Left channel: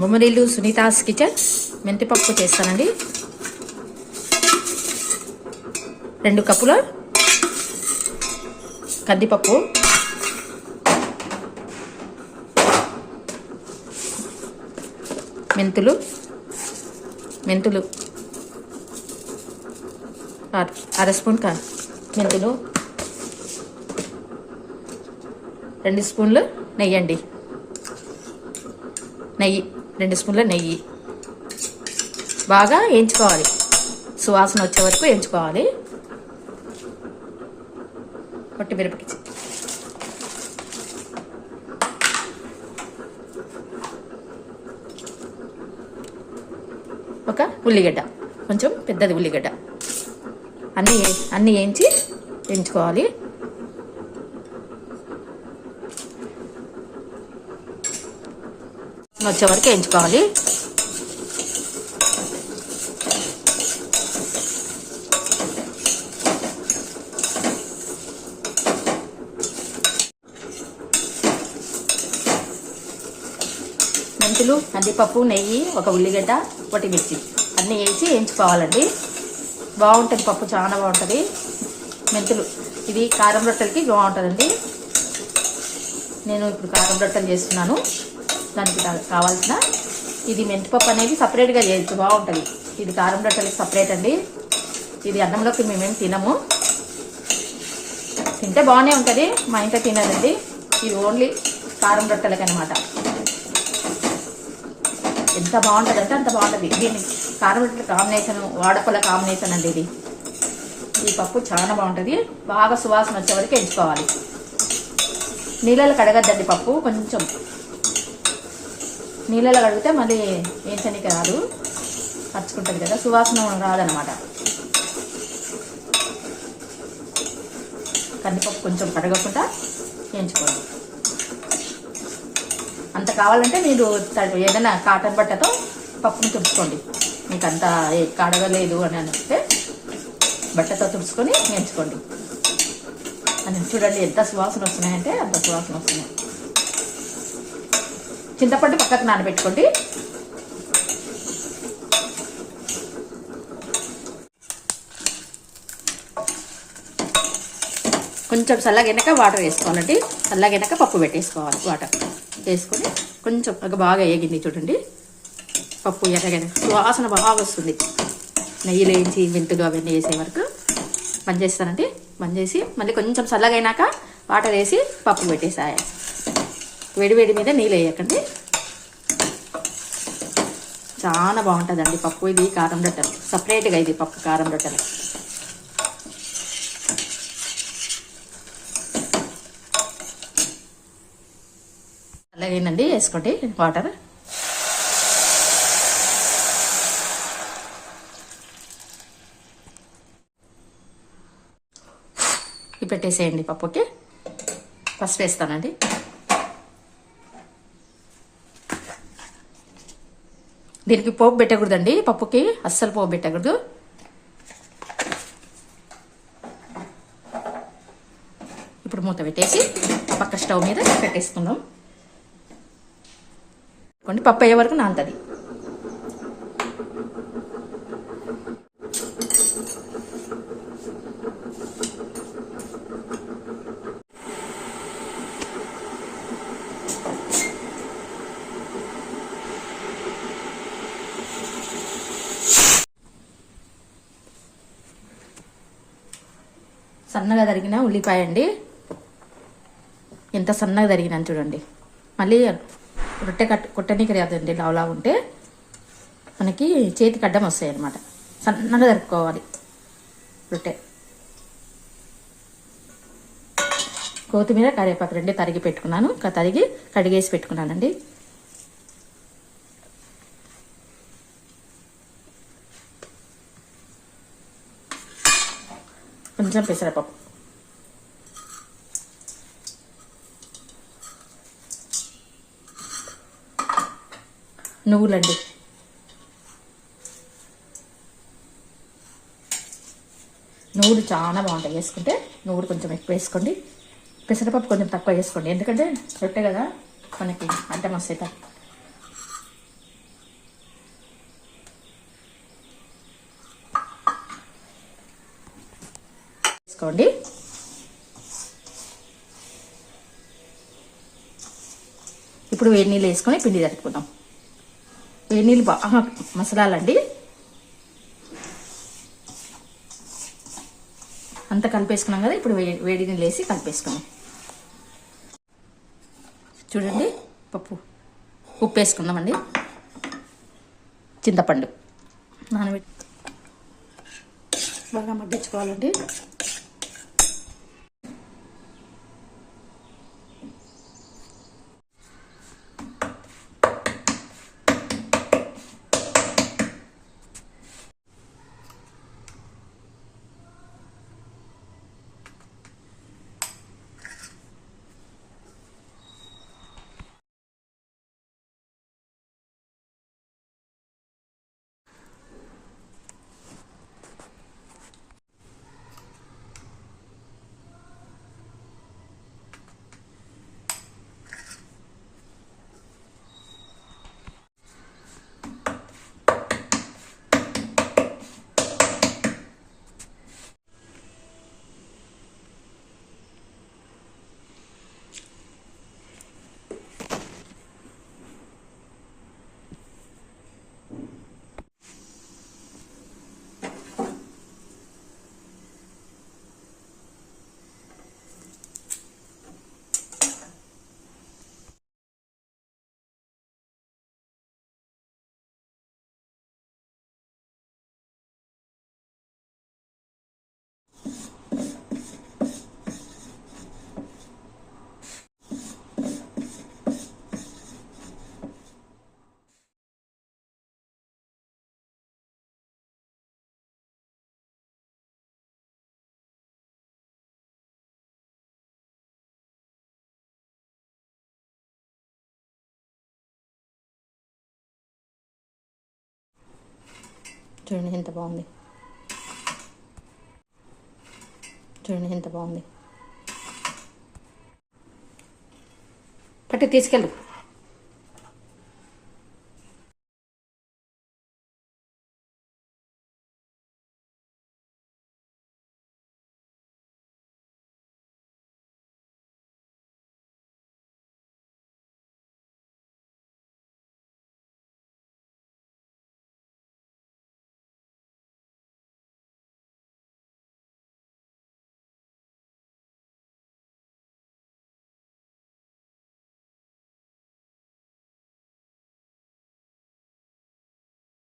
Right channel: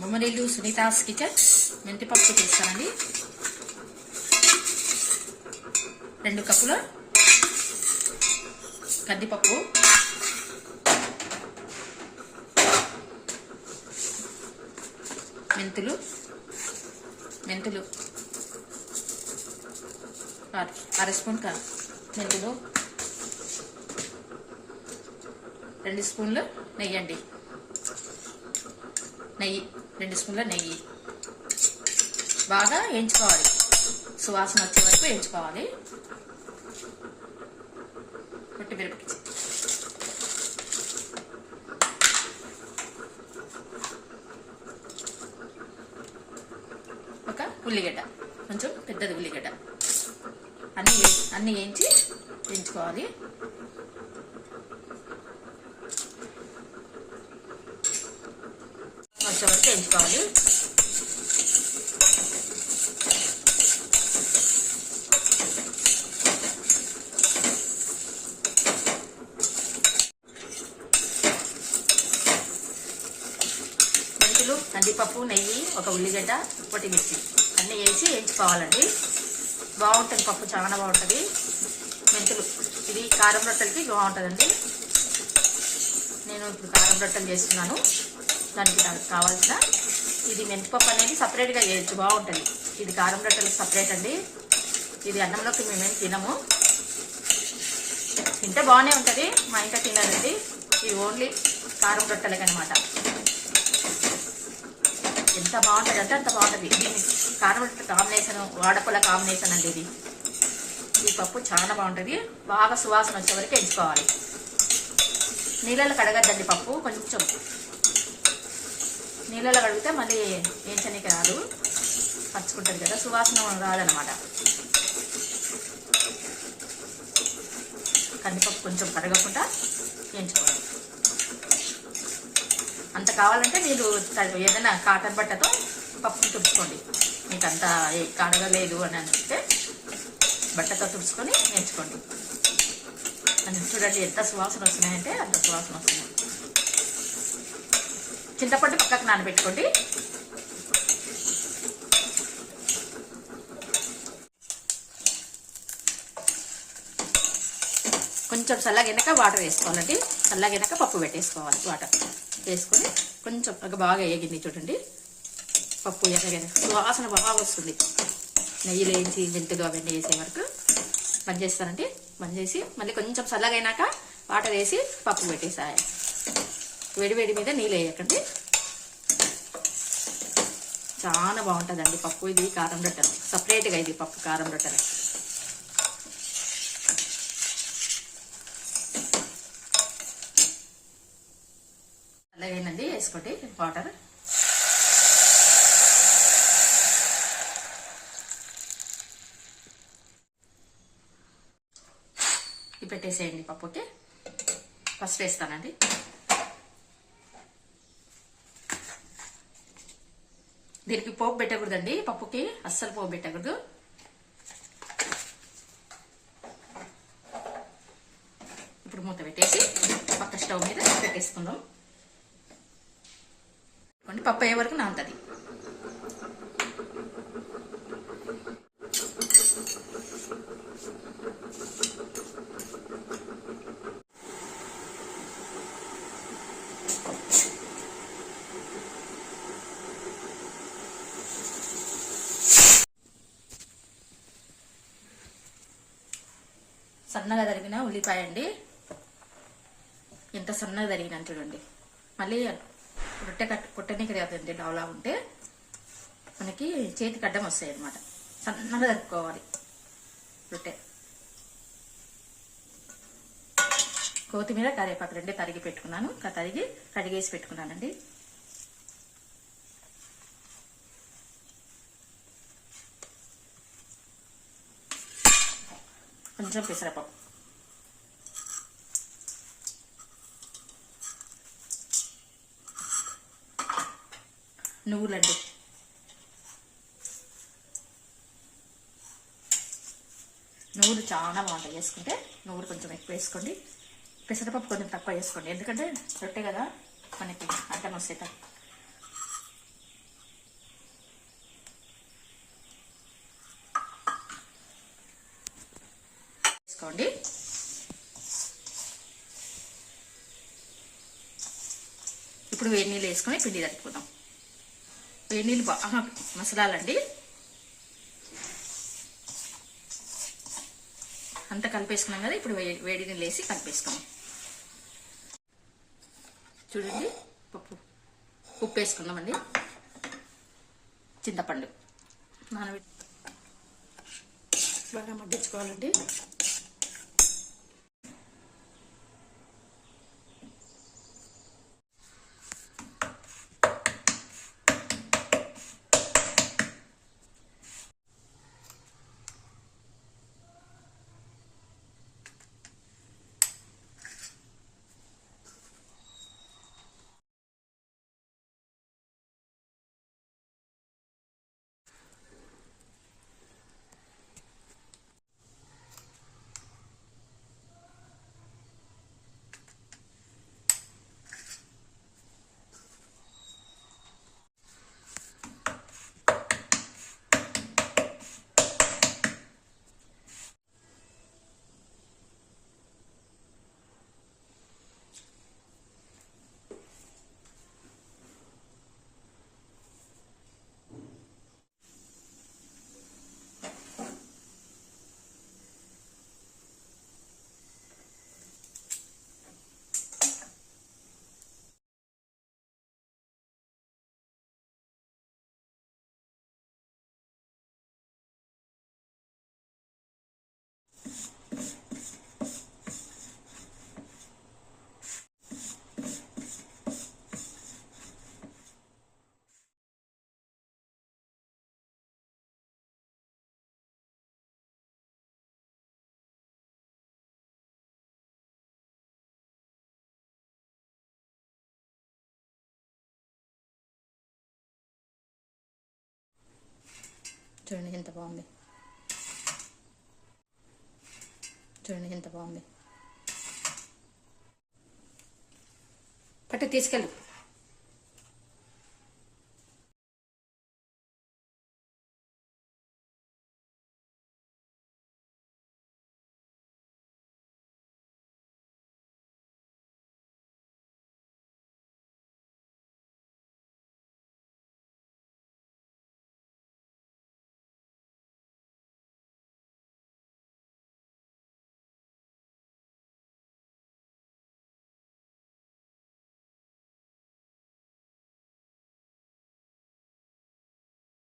Bommarillu Sunita's kitchen మెంతిపప్పు చేస్తానండి. 2 కప్పుల కందిపప్పు, మెంతులు 1/2 స్పూన్ మెంతులు, 2 స్పూన్లు నెయ్యి అండి. 2 స్పూన్ల నెయ్యి బాగా వేయించుకోవాలి, సువాసన వచ్చే వరకు వేయించుకోవాలి. పచ్చిమిరపకాయ, ఒక ఉల్లిగడ్డ, కొంచెం పెద్దది ఉల్లిగడ్డ, అన్నీ వేయించుకోవాలి. వచ్చే వరకు వేయించుకోవాలి. మెంతులు, కందిపప్పు, నెయ్యి, ఒక ఉల్లిగడ్డ, ఒకటి మిర్చి అన్నీ వేసి వేయించుకోవాలండి. బాగుంటుంది పప్పు, చాలా బాగుంటుంది. మెంతులు ఇది కారం రొట్టెలకి బాగుంటుందండి. నేను ఇప్పుడు కారం రొట్టెలు చేస్తున్నాను. దానికి కావాల్సిన ఇది మెంతిపప్పు అనేది సపరేట్గా చేయొచ్చు, బాగుంటుంది. ఇది కారం రొట్టెలకి సపరేట్ అండి. ఇది అన్నంలోకి మేమేం తినము, తింటే బాగానే ఉంటుంది, మా ఇంట్లో తినదండి. ఇది ఓన్లీ కారం రొట్టెలకి అనమాట. ఎంత బాగుంటుంది అంటే అంత బాగుంటుంది. దీన్ని కారం రొట్టెల కాంబినేషన్, వాడపల కాంబినేషన్ అండి ఇది. ఈ పప్పు చాలా బాగుంటుంది. బాగా సువాసన వచ్చే వరకు ఎంచుకోవాలి. నీళ్ళలో కడగద్దండి పప్పు, కొంచెం నీళ్ళలో కడిగితే మళ్ళీ వేయించడానికి రాదు, పచ్చుకుంటుంది కదా, సువాసన రాదనమాట. కందిపప్పు కొంచెం కడగకుండా వేయించుకోండి. అంత కావాలంటే మీరు ఏదైనా కాటన్ బట్టతో పప్పుని తుడుచుకోండి. మీకు అంత కడగలేదు అని అంటే బట్టతో తుడుచుకొని వేయించుకోండి. అని చూడండి ఎంత సువాసన వస్తున్నాయంటే అంత సువాసన వస్తున్నాయి. చింతపండు పక్కకు నానబెట్టుకోండి. కొంచెం చల్లగినాక వాటర్ వేసుకోవాలండి. చల్లగినాక పప్పు పెట్టేసుకోవాలి. వాటర్ వేసుకొని కొంచెం బాగా వేగింది చూడండి. పప్పు ఎర్రగైన సువాసన బాగా వస్తుంది. నెయ్యిలో వేసి మెంతులు అవన్నీ వేసే వరకు బంద్ చేస్తానండి. బంద్ చేసి మళ్ళీ కొంచెం చల్లగైనాక వాటర్ వేసి పప్పు పెట్టేసాయి. వేడి మీద నీళ్ళు వేయకండి. చాలా బాగుంటుందండి పప్పు. ఇది కారం రొట్టెలు సపరేట్గా, ఇది పప్పు కారం రొట్టెలు. అలాగేనండి, వేసుకోండి వాటర్. ఇవి పెట్టేసేయండి పప్పుకి. ఫస్ట్ వేస్తానండి. దీనికి పోపు పెట్టకూడదండి, పప్పుకి అస్సలు పోపు పెట్టకూడదు. ఇప్పుడు మూత పెట్టేసి పక్క స్టవ్ మీద పెట్టేసుకుందాం. పప్పు అయ్యే వరకు నానుతుంది. సన్నగా తరిగిన ఉల్లిపాయ అండి. ఎంత సన్నగా తరిగినా చూడండి. మళ్ళీ రొట్టె కొట్టనీకి రాదండి. లావులా ఉంటే మనకి చేతికి అడ్డం వస్తాయి అన్నమాట. సన్నగా తరుపుకోవాలి రొట్టె. కొత్తిమీర, కరివేపాకు 2 తరిగి పెట్టుకున్నాను. తరిగి కడిగేసి పెట్టుకున్నానండి. కొంచెం పెసరపప్పు, నువ్వులండి, నువ్వులు చాలా బాగుంటాయి వేసుకుంటే. నువ్వులు కొంచెం ఎక్కువ వేసుకోండి. పెసరపప్పు కొంచెం తక్కువ వేసుకోండి, ఎందుకంటే రొట్టె కదా మనకి అడ్డం వస్తాయి. వేసుకోండి. ఇప్పుడు వేడి నీళ్ళు వేసుకొని పిండి తడుపుకుందాం. వేడి నీళ్ళు బాగా మసలాలండి. అంతా కలిపేసుకున్నాం కదా, ఇప్పుడు వేడి నీళ్ళు వేసి కలిపేసుకున్నాం. చూడండి, ఉప్పు వేసుకుందామండి. చింతపండు నానబెట్టి బాగా మగ్గించుకోవాలండి. చూడండి ఎంత బాగుంది. చూడండి ఎంత బాగుంది. పట్టు తీసుకెళ్ళు.